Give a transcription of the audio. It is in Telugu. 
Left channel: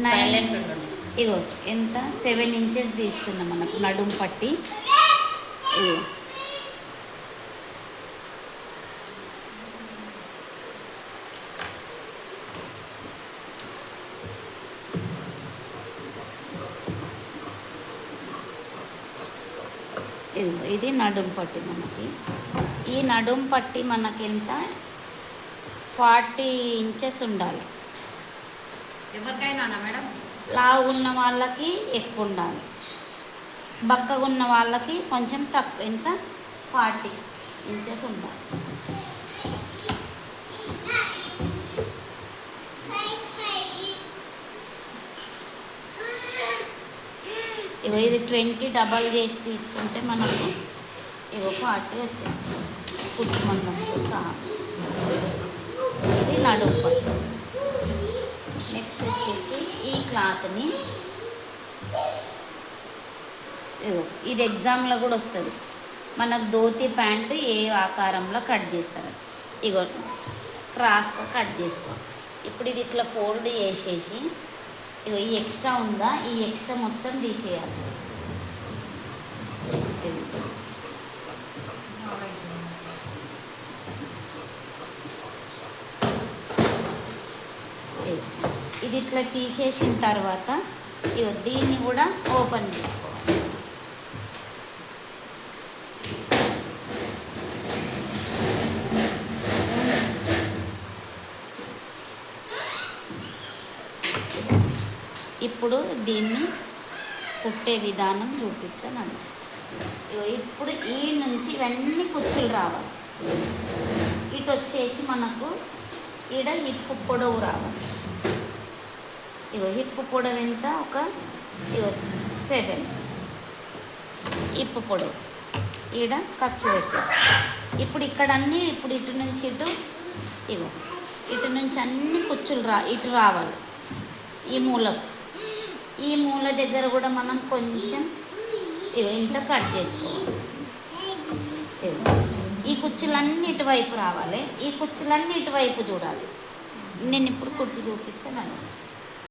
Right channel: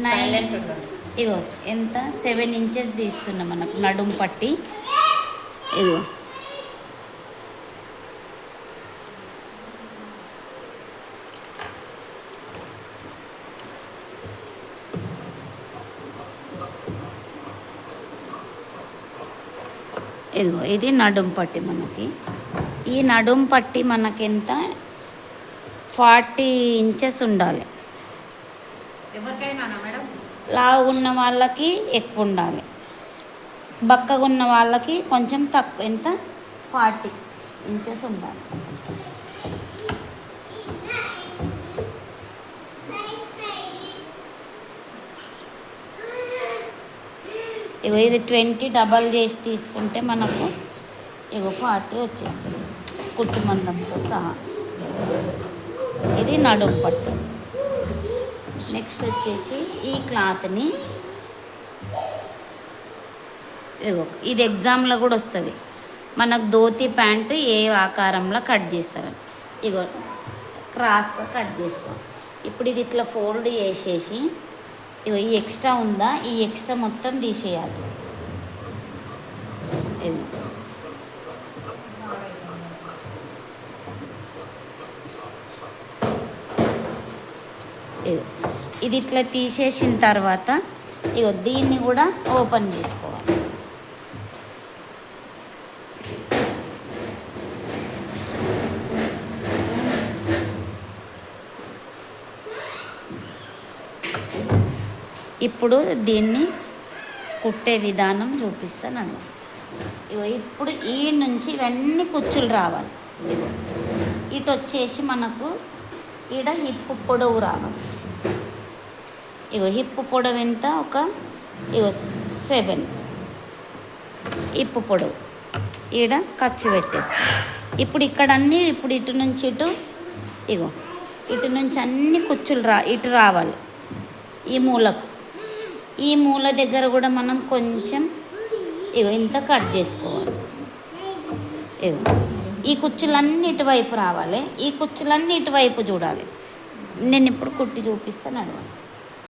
9 ఇగో ఎంత 7 ఇంచెస్ తీస్తున్నాం మనకు నడుం పట్టి. ఇగో ఇదిగో ఇది నడుం పట్టి మనకి. ఈ నడుం పట్టి మనకెంత 40 ఇంచెస్ ఉండాలి. ఎవరికైనా మేడం? లావు ఉన్న వాళ్ళకి ఎక్కువ ఉండాలి, బక్కగా ఉన్న వాళ్ళకి కొంచెం తక్కువ. ఎంత 40 ఇంచెస్ ఉండాలి. ఇగో ఇది 20 డబల్ చేసి తీసుకుంటే మనకు ఇగో 40 వచ్చేస్తుంది కుట్టు మందంతో సహా. ఇది నడుము పట్టు. నెక్స్ట్ వచ్చేసి ఈ క్లాత్ని ఇగో ఇది ఎగ్జామ్లో కూడా వస్తుంది. మనకు ధోతి ప్యాంటు ఏ ఆకారంలో కట్ చేస్తారు, ఇగో క్రాస్గా కట్ చేసుకో. ఇప్పుడు ఇది ఇట్లా ఫోల్డ్ చేసేసి ఇగో ఈ ఎక్స్ట్రా ఉందా, ఈ ఎక్స్ట్రా మొత్తం తీసేయాలి. ఇది ఇట్లా తీసేసిన తర్వాత ఇగో దీన్ని కూడా ఓపెన్ చేసుకోవాలి. ఇప్పుడు దీన్ని కుట్టే విధానం చూపిస్తానండి. ఇగో ఇప్పుడు ఈ నుంచి ఇవన్నీ కుచ్చులు రావాలి. ఇటు వచ్చేసి మనకు ఈడ హిప్పు పొడవు రావాలి. ఇగో హిప్పు పొడవు ఎంత, ఒక ఇగో 7 హిప్పు పొడవు. ఈడ ఖర్చు పెట్టేసి ఇప్పుడు ఇక్కడ అన్నీ ఇప్పుడు ఇటు నుంచి ఇటు ఇగో ఇటు నుంచి అన్ని కుచ్చులు ఇటు రావాలి. ఈ మూలకు, ఈ మూల దగ్గర కూడా మనం కొంచెం ఇగో ఇంత కట్ చేసుకోవాలి. ఇగో ఈ కుచ్చులన్నీ ఇటువైపు రావాలి, ఈ కుచ్చులన్నీ ఇటువైపు చూడాలి. నేను ఇప్పుడు కుట్టి చూపిస్తానండి.